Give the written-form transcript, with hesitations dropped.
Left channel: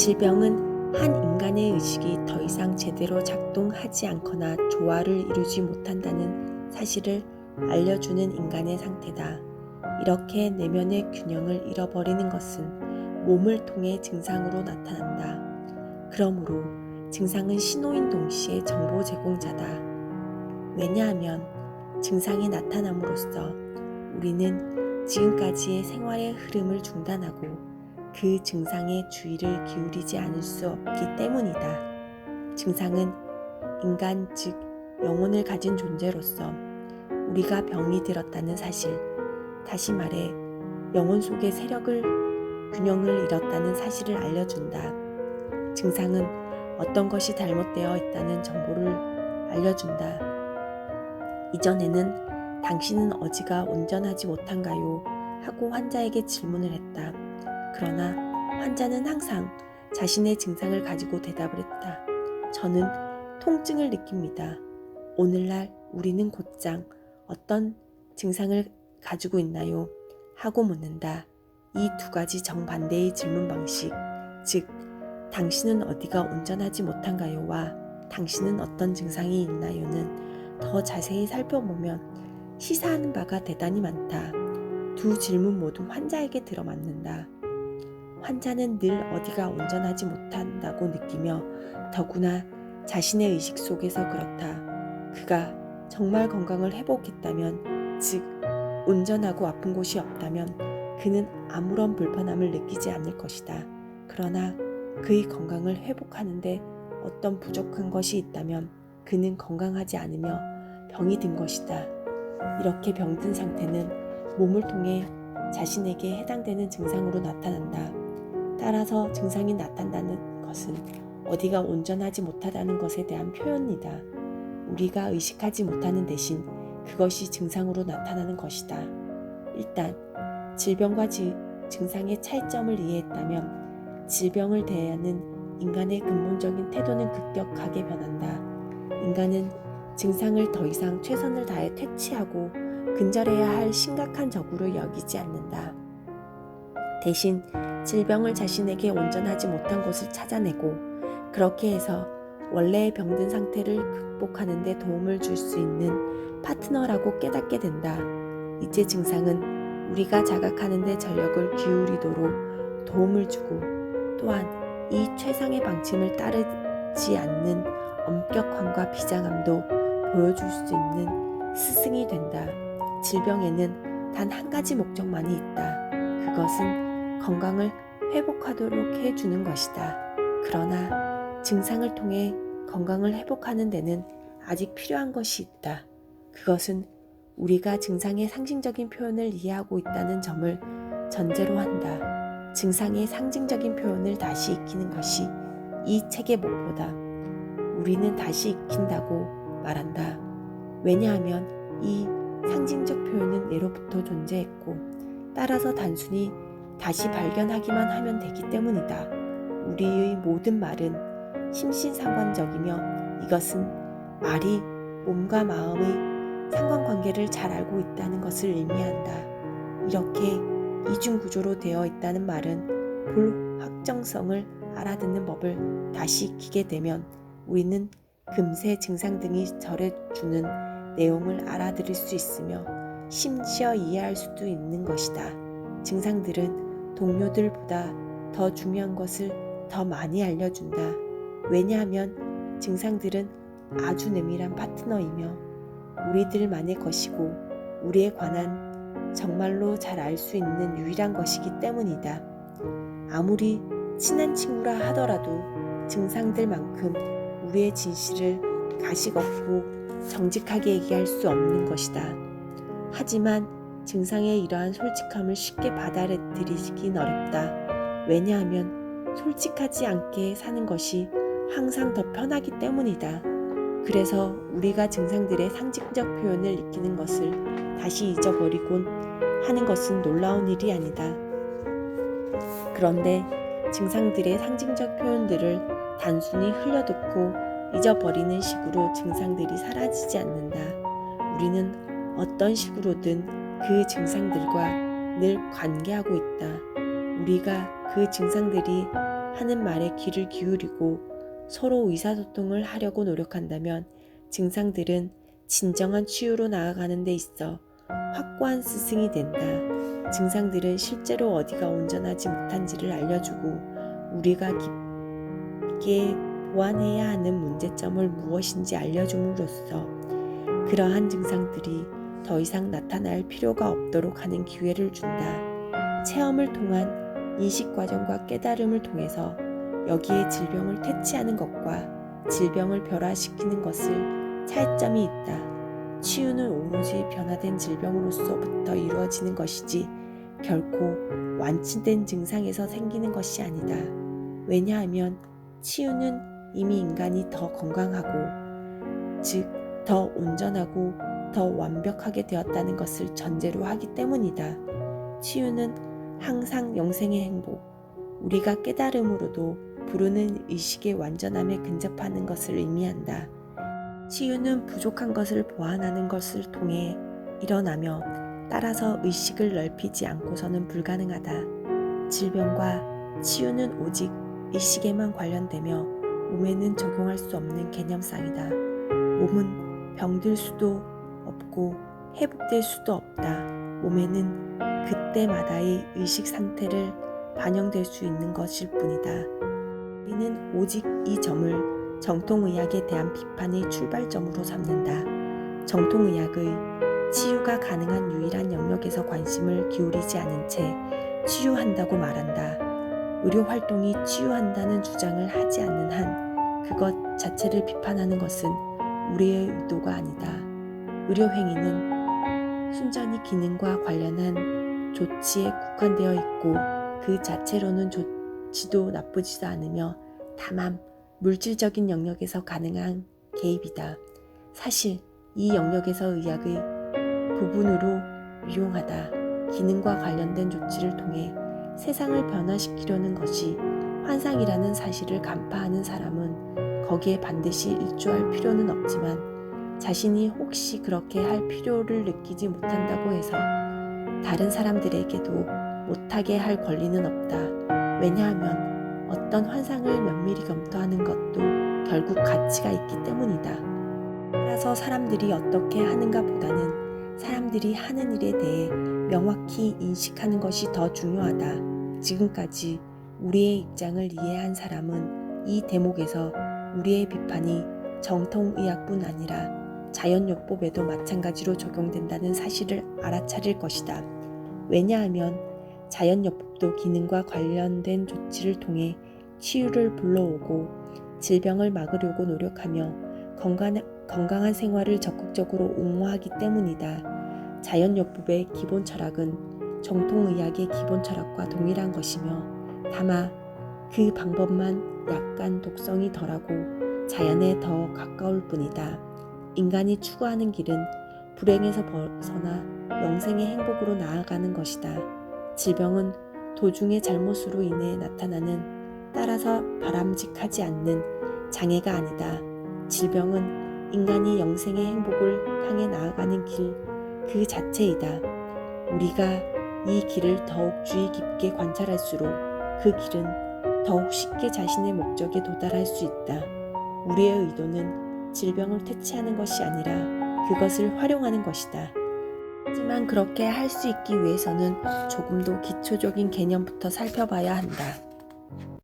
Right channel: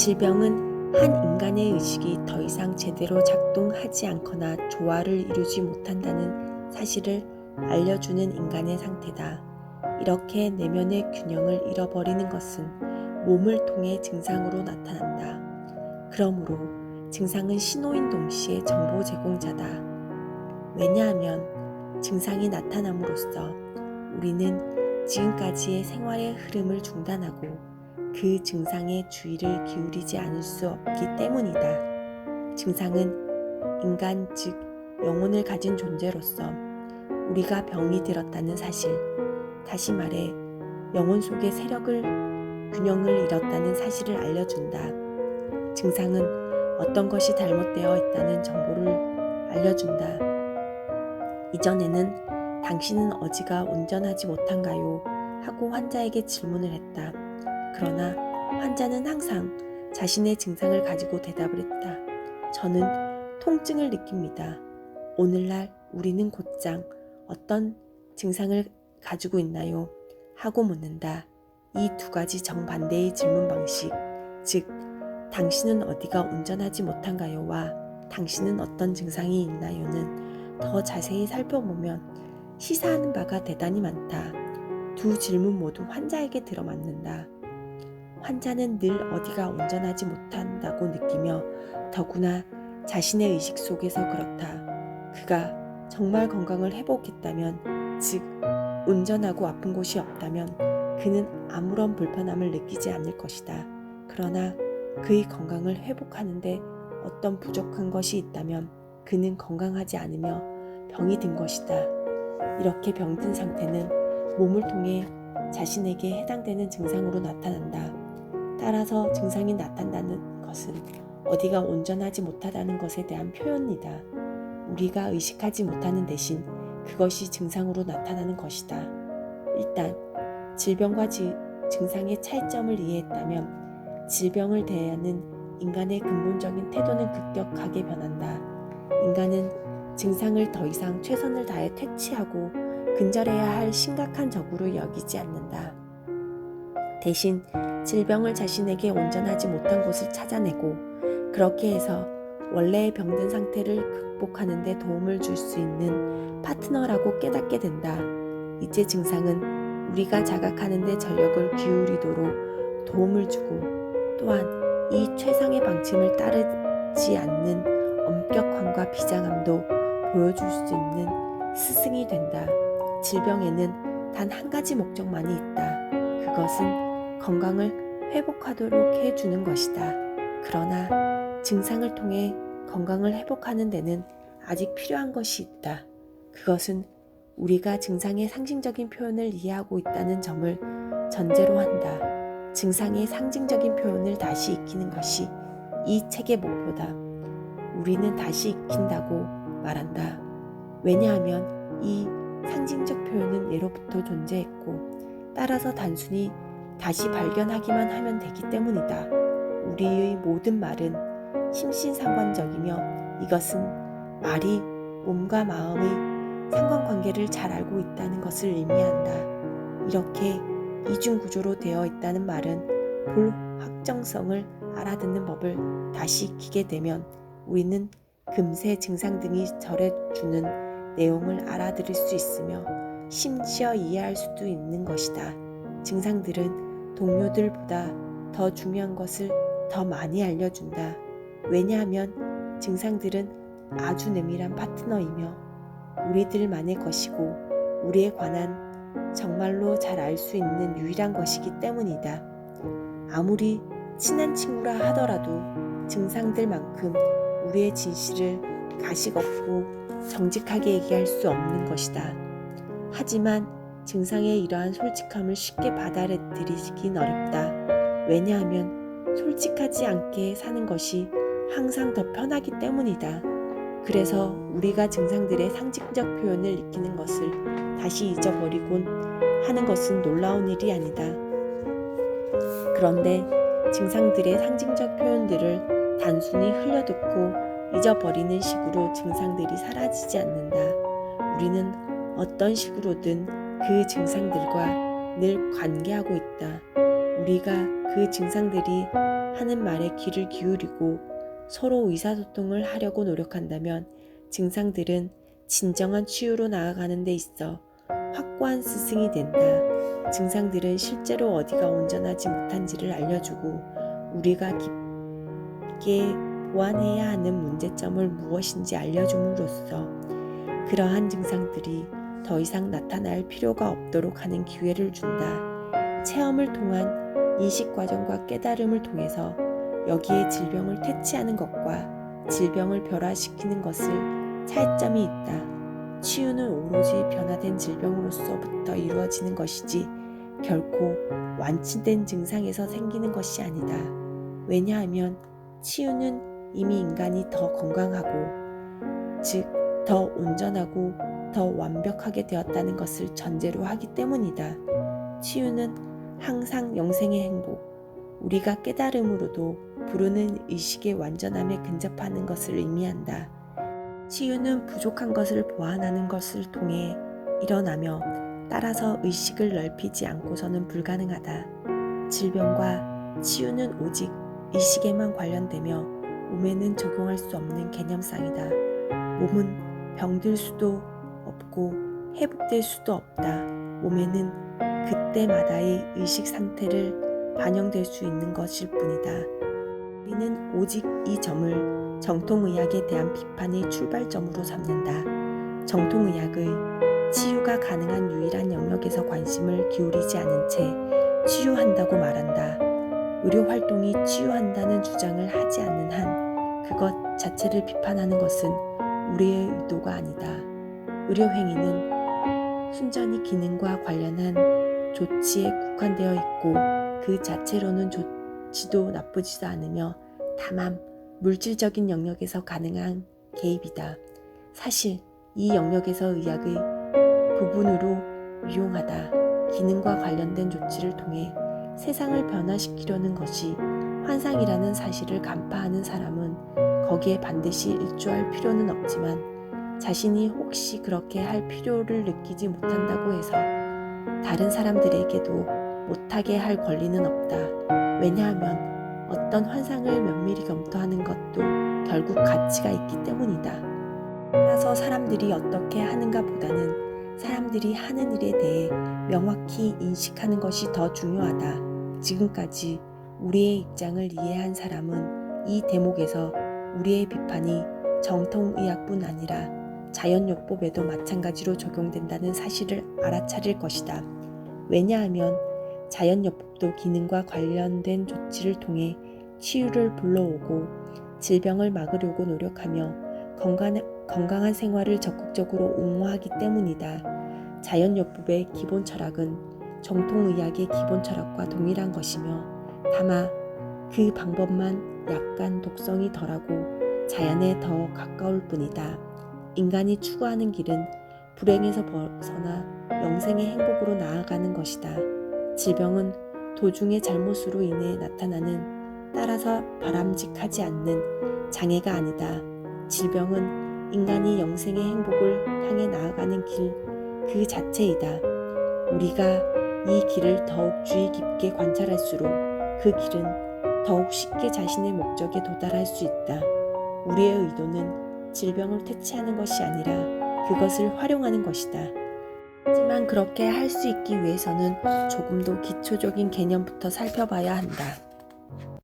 질병은 한 인간의 의식이 더 이상 제대로 작동하지 않거나 조화를 이루지 못한다는 사실을 알려주는 인간의 상태다. 이렇게 내면의 균형을 잃어버리는 것은 몸을 통해 증상으로 나타난다. 그러므로 증상은 신호인 동시에 정보 제공자다. 왜냐하면 증상이 나타남으로써 우리는 지금까지의 생활의 흐름을 중단하고 그 증상에 주의를 기울이지 않을 수 없기 때문이다. 증상은 인간 즉 영혼을 가진 존재로서 우리가 병이 들었다는 사실, 다시 말해 영혼 속의 세력을 균형을 잃었다는 사실을 알려준다. 증상은 어떤 것이 잘못되어 있다는 정보를 알려준다. 이전에는 당신은 어지가 온전하지 못한가요? 하고 환자에게 질문을 했다. 그러나 환자는 항상 자신의 증상을 가지고 대답을 했다. 저는 통증을 느낍니다. 오늘날 우리는 곧장 어떤 증상을 가지고 있나요? 하고 묻는다. 이 두 가지 정반대의 질문 방식, 즉 당신은 어디가 온전하지 못한가요?와 당신은 어떤 증상이 있나요?는 더 자세히 살펴보면 시사하는 바가 대단히 많다. 두 질문 모두 환자에게 들어맞는다. 환자는 늘 어디가 온전하지 못한다고 느끼며 더구나 자신의 의식 속에서 그렇다. 그가 정말 건강을 회복했다면, 즉 온전하고 아픈 곳이 없다면 그는 아무런 불편함을 느끼지 않을 것이다. 그러나 그의 건강을 회복하는데 어떤 부족한 것이 있다면 그는 건강하지 않으며 병이 든 것이다. 이렇게 병든 상태는 몸을 통해 자신에게 해당되는 증상으로 나타난다. 따라서 증상이 나타난다는 것은 어디가 온전하지 못하다는 것에 대한 표현이다. 우리가 의식하지 못하는 대신 그것이 증상으로 나타나는 것이다. 일단 질병과 증상의 차이점을 이해했다면 질병을 대하는 인간의 근본적인 태도는 급격하게 변한다. 인간은 증상을 더 이상 최선을 다해 퇴치하고 근절해야 할 심각한 적으로 여기지 않는다. 대신 질병을 자신에게 온전하지 못한 곳을 찾아내고 그렇게 해서 원래의 병든 상태를 극복하는 데 도움을 줄 수 있는 파트너라고 깨닫게 된다. 이제 증상은 우리가 자각하는 데 전력을 기울이도록 도움을 주고 또한 이 최상의 방침을 따르지 않는 엄격함과 비장함도 보여줄 수 있는 스승이 된다. 질병에는 단 한 가지 목적만이 있다. 그것은 건강을 회복하도록 해주는 것이다. 그러나 증상을 통해 건강을 회복하는 데는 아직 필요한 것이 있다. 그것은 우리가 증상의 상징적인 표현을 이해하고 있다는 점을 전제로 한다. 증상의 상징적인 표현을 다시 익히는 것이 이 책의 목표다. 우리는 다시 익힌다고 말한다. 왜냐하면 이 상징적 표현은 예로부터 존재했고 따라서 단순히 다시 발견하기만 하면 되기 때문이다. 우리의 모든 말은 심신상관적이며 이것은 말이 몸과 마음의 상관관계를 잘 알고 있다는 것을 의미한다. 이렇게 이중구조로 되어 있다는 말은 불확정성을 알아듣는 법을 다시 익히게 되면 우리는 금세 증상 등이 전해주는 내용을 알아들을 수 있으며 심지어 이해할 수도 있는 것이다. 증상들은 동료들보다 더 중요한 것을 더 많이 알려준다. 왜냐하면 증상들은 아주 내밀한 파트너이며 우리들만의 것이고 우리에 관한 정말로 잘 알 수 있는 유일한 것이기 때문이다. 아무리 친한 친구라 하더라도 증상들만큼 우리의 진실을 가식 없고 정직하게 얘기할 수 없는 것이다. 하지만 증상의 이러한 솔직함을 쉽게 받아들이긴 어렵다. 왜냐하면 솔직하지 않게 사는 것이 항상 더 편하기 때문이다. 그래서 우리가 증상들의 상징적 표현을 익히는 것을 다시 잊어버리곤 하는 것은 놀라운 일이 아니다. 그런데 증상들의 상징적 표현들을 단순히 흘려듣고 잊어버리는 식으로 증상들이 사라지지 않는다. 우리는 어떤 식으로든 그 증상들과 늘 관계하고 있다. 우리가 그 증상들이 하는 말에 귀를 기울이고 서로 의사소통을 하려고 노력한다면 증상들은 진정한 치유로 나아가는 데 있어 확고한 스승이 된다. 증상들은 실제로 어디가 온전하지 못한지를 알려주고 우리가 깊게 보완해야 하는 문제점을 무엇인지 알려줌으로써 그러한 증상들이 더 이상 나타날 필요가 없도록 하는 기회를 준다. 체험을 통한 인식 과정과 깨달음을 통해서 여기에 질병을 퇴치하는 것과 질병을 변화시키는 것을 차이점이 있다. 치유는 오로지 변화된 질병으로서부터 이루어지는 것이지 결코 완치된 증상에서 생기는 것이 아니다. 왜냐하면 치유는 이미 인간이 더 건강하고 즉 더 온전하고 더 완벽하게 되었다는 것을 전제로 하기 때문이다. 치유는 항상 영생의 행복, 우리가 깨달음으로도 부르는 의식의 완전함에 근접하는 것을 의미한다. 치유는 부족한 것을 보완하는 것을 통해 일어나며 따라서 의식을 넓히지 않고서는 불가능하다. 질병과 치유는 오직 의식에만 관련되며 몸에는 적용할 수 없는 개념상이다. 몸은 병들 수도 없고 회복될 수도 없다. 몸에는 그때마다의 의식 상태를 반영될 수 있는 것일 뿐이다. 우리는 오직 이 점을 정통의학에 대한 비판의 출발점으로 삼는다. 정통의학의 치유가 가능한 유일한 영역에서 관심을 기울이지 않은 채 치유한다고 말한다. 의료활동이 치유한다는 주장을 하지 않는 한 그것 자체를 비판하는 것은 우리의 의도가 아니다. 의료행위는 순전히 기능과 관련한 조치에 국한되어 있고 그 자체로는 좋지도 나쁘지도 않으며 다만 물질적인 영역에서 가능한 개입이다. 사실 이 영역에서 의학의 부분으로 유용하다. 기능과 관련된 조치를 통해 세상을 변화시키려는 것이 환상이라는 사실을 간파하는 사람은 거기에 반드시 일조할 필요는 없지만 자신이 혹시 그렇게 할 필요를 느끼지 못한다고 해서 다른 사람들에게도 못하게 할 권리는 없다. 왜냐하면 어떤 환상을 면밀히 검토하는 것도 결국 가치가 있기 때문이다. 따라서 사람들이 어떻게 하는가 보다는 사람들이 하는 일에 대해 명확히 인식하는 것이 더 중요하다. 지금까지 우리의 입장을 이해한 사람은 이 대목에서 우리의 비판이 정통의학뿐 아니라 자연요법에도 마찬가지로 적용된다는 사실을 알아차릴 것이다. 왜냐하면 자연요법도 기능과 관련된 조치를 통해 치유를 불러오고 질병을 막으려고 노력하며 건강한 생활을 적극적으로 옹호하기 때문이다. 자연요법의 기본 철학은 정통의학의 기본 철학과 동일한 것이며 다만 그 방법만 약간 독성이 덜하고 자연에 더 가까울 뿐이다. 인간이 추구하는 길은 불행에서 벗어나 영생의 행복으로 나아가는 것이다. 질병은 도중의 잘못으로 인해 나타나는 따라서 바람직하지 않는 장애가 아니다. 질병은 인간이 영생의 행복을 향해 나아가는 길 그 자체이다. 우리가 이 길을 더욱 주의 깊게 관찰할수록 그 길은 더욱 쉽게 자신의 목적에 도달할 수 있다. 우리의 의도는 질병을 퇴치하는 것이 아니라 그것을 활용하는 것이다. 하지만 그렇게 할 수 있기 위해서는 조금 더 기초적인 개념부터 살펴봐야 한다.